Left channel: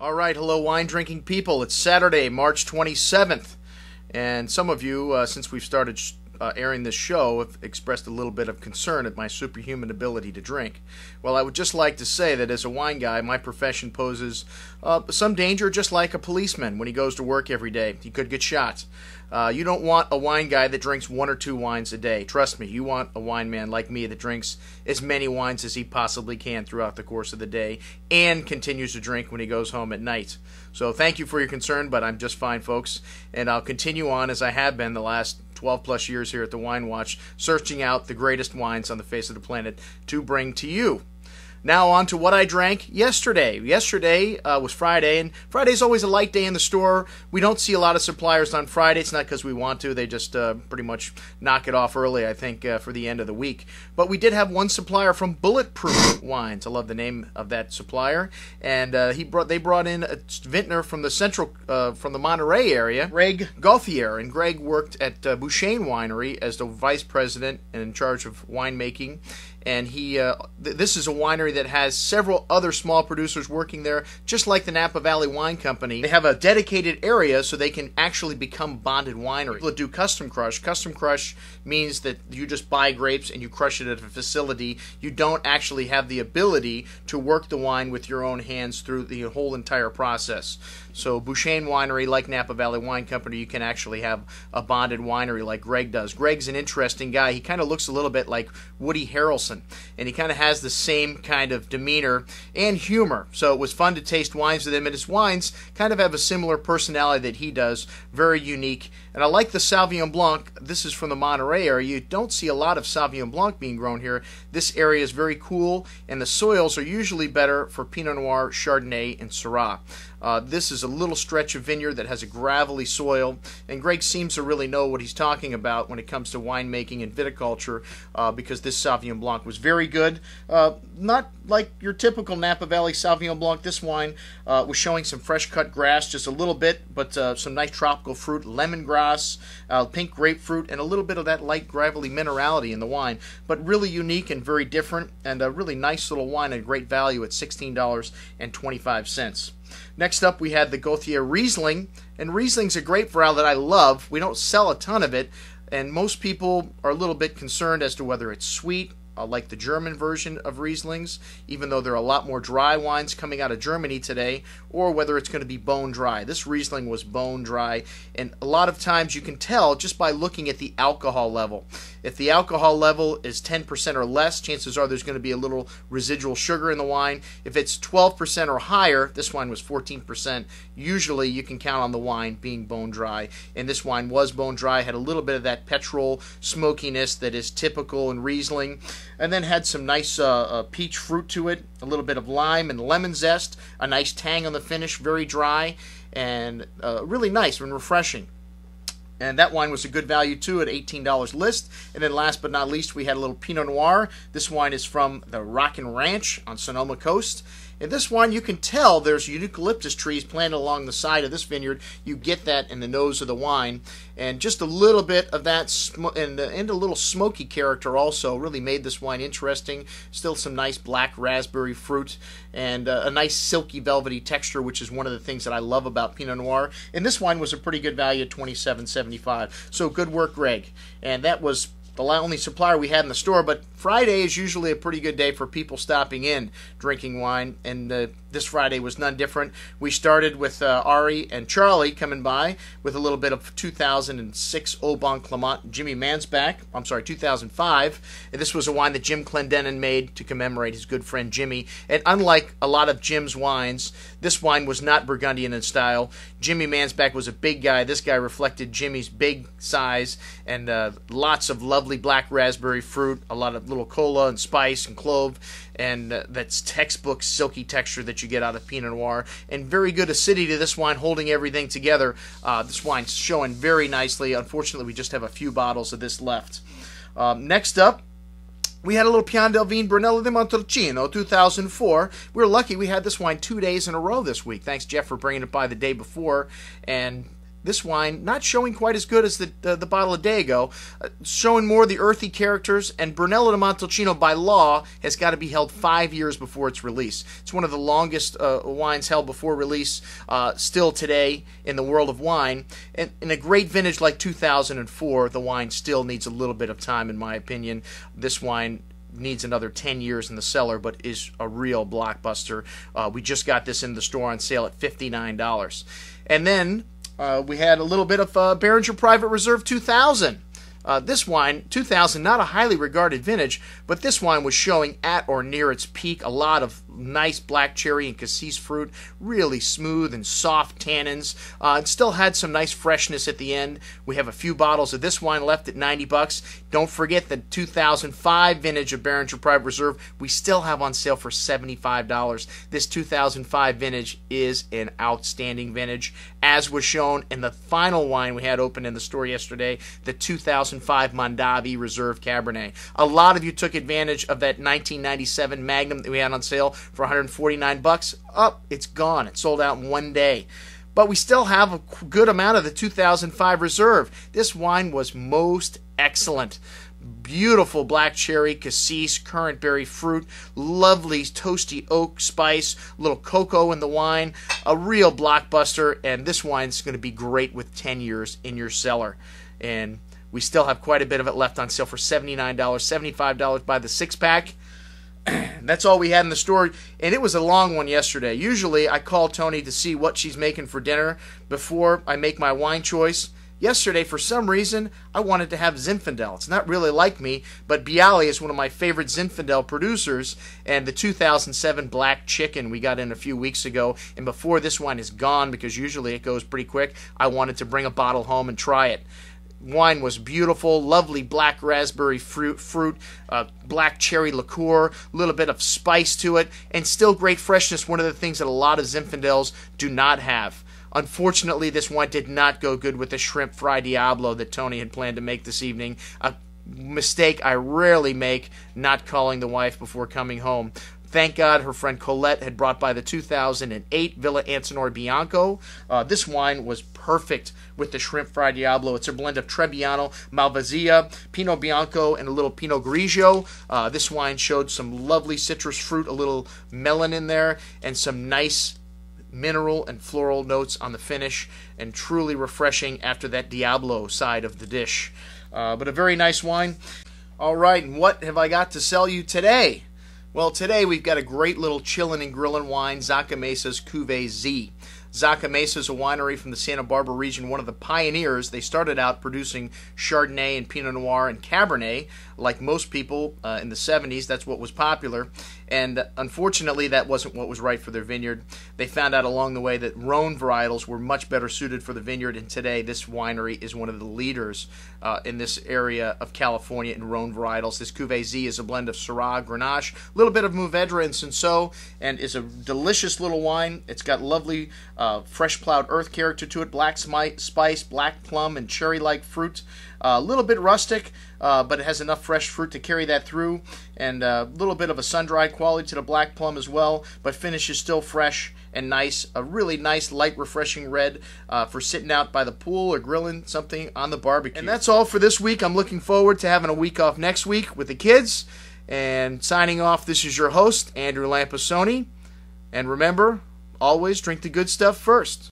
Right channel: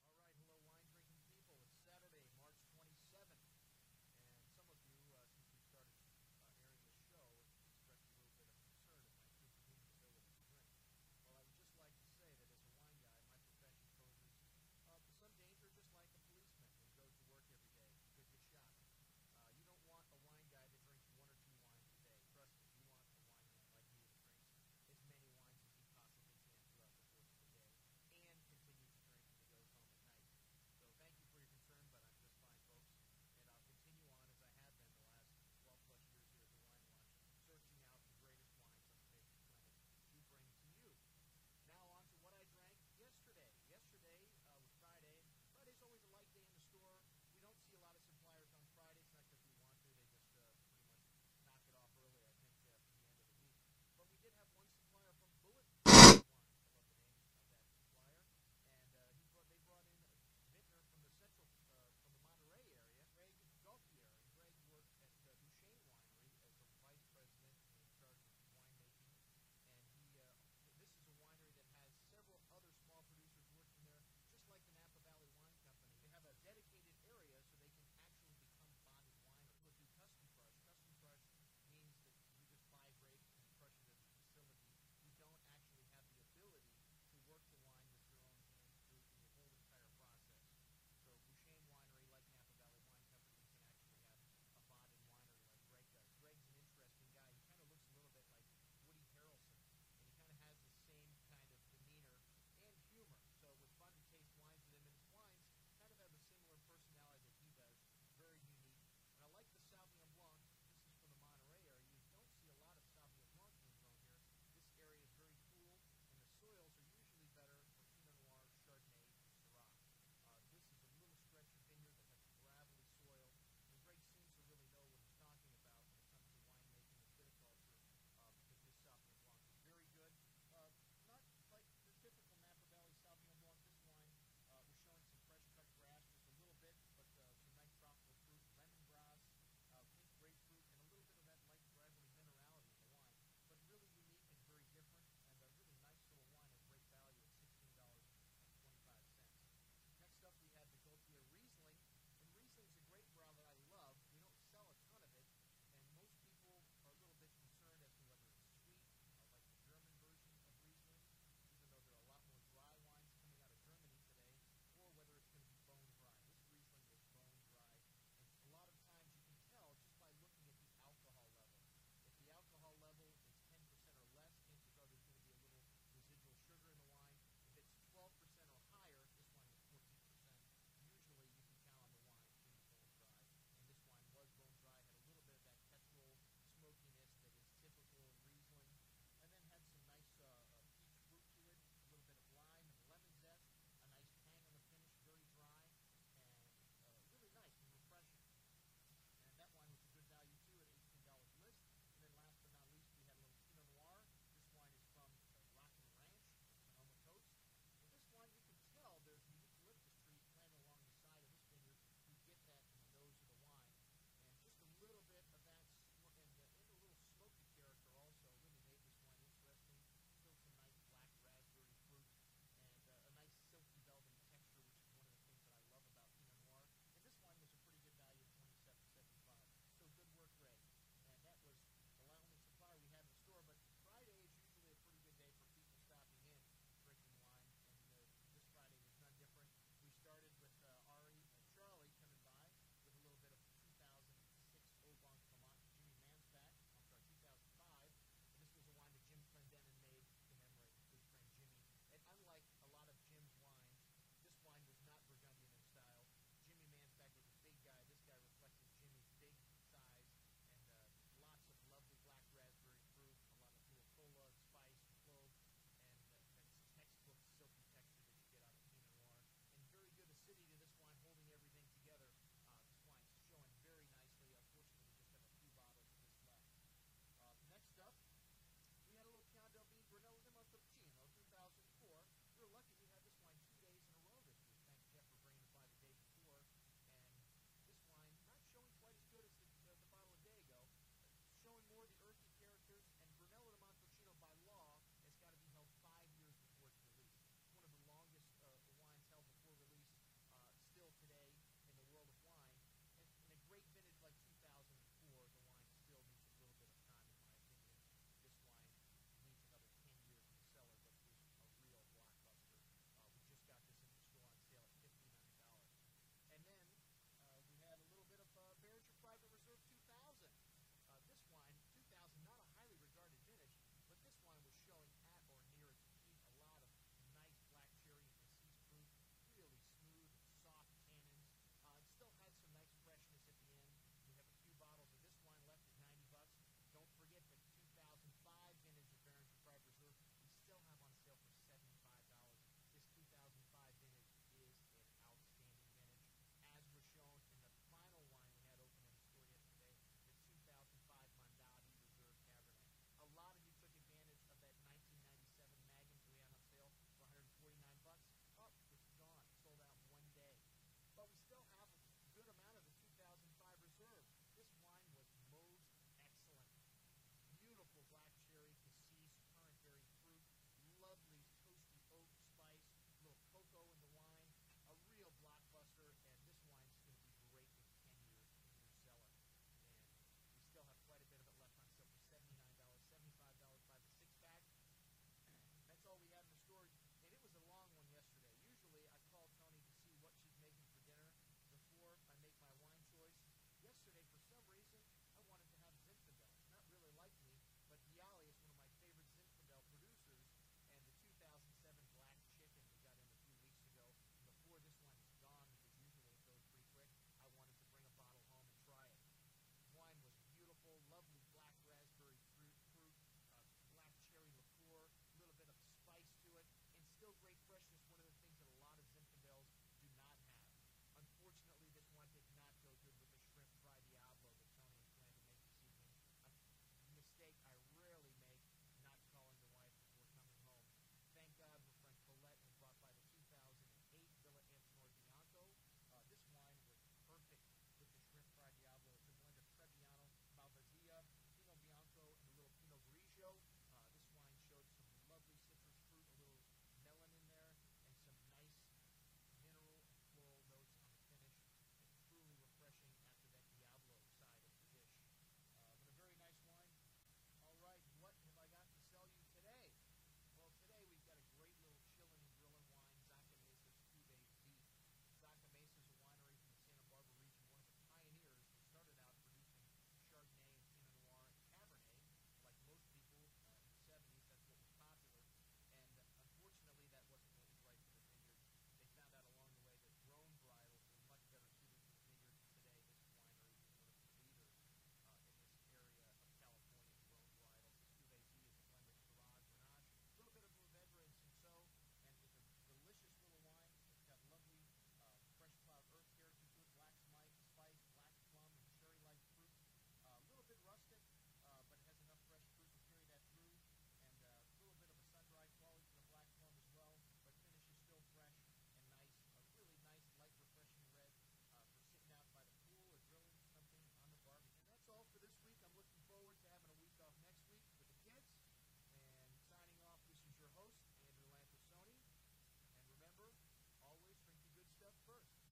All right, hello wine drinking people. It's Saturday, March 27th. And some of you, since we've started airing this show, have expressed a little bit of concern at my superhuman ability to drink. Well, I would just like to say that as a wine guy, my profession poses some danger, just like a policeman when he goes to work every day. He could get shot. You don't want a wine guy that drinks one or two wines a day. Trust me, you want a wine man like me that drinks as many wines as he possibly can throughout the course of the day and continues to drink when he goes home at night. So thank you for your concern, but I'm just fine, folks. And I'll continue on as I have been the last 12 plus years here at the Wine Watch, searching out the greatest wines on the face of the planet to bring to you. Now on to what I drank yesterday. Yesterday was Friday, and Friday's always a light day in the store. We don't see a lot of suppliers on Friday. It's not because we want to. They just pretty much knock it off early, I think, for the end of the week. But we did have one supplier from Bulletproof Wines. I love the name of that supplier. And they brought in a vintner from the Monterey area, Greg Gauthier. And Greg worked at Bouchain Winery as the vice president and in charge of winemaking. And this is a winery that has several other small producers working there, just like the Napa Valley Wine Company. They have a dedicated area so they can actually become bonded wineries. People that do custom crush. Custom crush means that you just buy grapes and you crush it at a facility. You don't actually have the ability to work the wine with your own hands through the whole entire process. So Bouchain Winery, like Napa Valley Wine Company, you can actually have a bonded winery like Greg does. Greg's an interesting guy. He kind of looks a little bit like Woody Harrelson, and he kind of has the same kind of demeanor and humor. So it was fun to taste wines with him, and his wines kind of have a similar personality that he does, very unique. And I like the Sauvignon Blanc. This is from the Monterey area. You don't see a lot of Sauvignon Blanc being grown here. This area is very cool, and the soils are usually better for Pinot Noir, Chardonnay, and Syrah. This is a little stretch of vineyard that has a gravelly soil, and Greg seems to really know what he's talking about when it comes to winemaking and viticulture, because this Sauvignon Blanc was very good. Not like your typical Napa Valley Sauvignon Blanc. This wine was showing some fresh cut grass, just a little bit, but some nice tropical fruit, lemongrass, pink grapefruit, and a little bit of that light gravelly minerality in the wine. But really unique and very different, and a really nice little wine at great value at $16.25. Next up, we had the Gauthier Riesling, and Riesling's a grape varietal that I love. We don't sell a ton of it, and most people are a little bit concerned as to whether it's sweet, like the German version of Rieslings, even though there are a lot more dry wines coming out of Germany today, or whether it's going to be bone dry. This Riesling was bone dry, and a lot of times you can tell just by looking at the alcohol level. If the alcohol level is 10% or less, chances are there's going to be a little residual sugar in the wine. If it's 12% or higher, this wine was 14%, usually you can count on the wine being bone dry. And this wine was bone dry, had a little bit of that petrol smokiness that is typical in Riesling, and then had some nice peach fruit to it, a little bit of lime and lemon zest, a nice tang on the finish, very dry, and really nice and refreshing. And that wine was a good value too at $18 list. And then last but not least, we had a little Pinot Noir. This wine is from the Rockin' Ranch on Sonoma Coast. In this wine, you can tell there's eucalyptus trees planted along the side of this vineyard. You get that in the nose of the wine. And just a little bit of that, and a little smoky character also really made this wine interesting. Still some nice black raspberry fruit, and a nice silky velvety texture, which is one of the things that I love about Pinot Noir. And this wine was a pretty good value at $27.75. So good work, Greg. And that was the only supplier we had in the store, but Friday is usually a pretty good day for people stopping in drinking wine, and this Friday was none different. We started with Ari and Charlie coming by with a little bit of 2006 Au Bon Clement Jimmy Mansbach. I'm sorry, 2005. And this was a wine that Jim Clendenin made to commemorate his good friend Jimmy. And unlike a lot of Jim's wines, this wine was not Burgundian in style. Jimmy Mansbach was a big guy. This guy reflected Jimmy's big size, and lots of lovely black raspberry fruit, a lot of little cola and spice and clove, and that's textbook silky texture that you get out of Pinot Noir, and very good acidity to this wine, holding everything together. This wine's showing very nicely. Unfortunately, we just have a few bottles of this left. Next up, we had a little Pian del Vin Brunello di Montalcino, 2004. We were lucky we had this wine 2 days in a row this week. Thanks, Jeff, for bringing it by the day before. And This wine not showing quite as good as the bottle a day ago, showing more of the earthy characters, and Brunello di Montalcino by law has got to be held 5 years before its release. It's one of the longest wines held before release still today in the world of wine. And in a great vintage like 2004, the wine still needs a little bit of time, in my opinion. This wine needs another 10 years in the cellar, but is a real blockbuster. We just got this in the store on sale at $59. And then we had a little bit of Beringer Private Reserve 2000. This wine, 2000, not a highly regarded vintage, but this wine was showing at or near its peak. A lot of nice black cherry and cassis fruit, really smooth and soft tannins. It still had some nice freshness at the end. We have a few bottles of this wine left at $90. Don't forget the 2005 vintage of Beringer Private Reserve we still have on sale for $75. This 2005 vintage is an outstanding vintage, as was shown in the final wine we had open in the store yesterday, the 2005 Mondavi Reserve Cabernet. A lot of you took advantage of that 1997 Magnum that we had on sale for $149. It's gone. It sold out in one day. But we still have a good amount of the 2005 Reserve. This wine was most excellent. Beautiful black cherry, cassis, currant berry fruit, lovely toasty oak spice, little cocoa in the wine, a real blockbuster, and this wine's going to be great with 10 years in your cellar. And we still have quite a bit of it left on sale for $79, $75 by the six-pack. That's all we had in the store, and it was a long one yesterday. Usually I call Tony to see what she's making for dinner before I make my wine choice. Yesterday, for some reason, I wanted to have Zinfandel. It's not really like me, but Bialy is one of my favorite Zinfandel producers, and the 2007 Black Chicken we got in a few weeks ago, and before this wine is gone, because usually it goes pretty quick, I wanted to bring a bottle home and try it. Wine was beautiful, lovely black raspberry fruit, black cherry liqueur, a little bit of spice to it, and still great freshness, one of the things that a lot of Zinfandels do not have. Unfortunately, this wine did not go good with the shrimp fry Diablo that Tony had planned to make this evening. A mistake I rarely make, not calling the wife before coming home. Thank God her friend Colette had brought by the 2008 Villa Antinori Bianco. This wine was perfect with the shrimp fried Diablo. It's a blend of Trebbiano, Malvasia, Pinot Bianco, and a little Pinot Grigio. This wine showed some lovely citrus fruit, a little melon in there, and some nice mineral and floral notes on the finish, and truly refreshing after that Diablo side of the dish. But a very nice wine. All right, and what have I got to sell you today? Well, today we've got a great little chillin' and grillin' wine, Zaca Mesa's Cuvée Z. Zaca Mesa is a winery from the Santa Barbara region, one of the pioneers. They started out producing Chardonnay and Pinot Noir and Cabernet. Like most people in the 70s, that's what was popular. And unfortunately, that wasn't what was right for their vineyard. They found out along the way that Rhone varietals were much better suited for the vineyard, and today this winery is one of the leaders in this area of California in Rhone varietals. This Cuvée Z is a blend of Syrah, Grenache, a little bit of Mourvedre and Cinsault, and is a delicious little wine. It's got lovely fresh plowed earth character to it, black spice, black plum, and cherry-like fruit. A little bit rustic, but it has enough fresh fruit to carry that through, and a little bit of a sun-dried quality to the black plum as well, but finish is still fresh and nice. A really nice, light, refreshing red for sitting out by the pool or grilling something on the barbecue. And that's all for this week. I'm looking forward to having a week off next week with the kids. And signing off, this is your host, Andrew Lampasoni. And remember, always drink the good stuff first.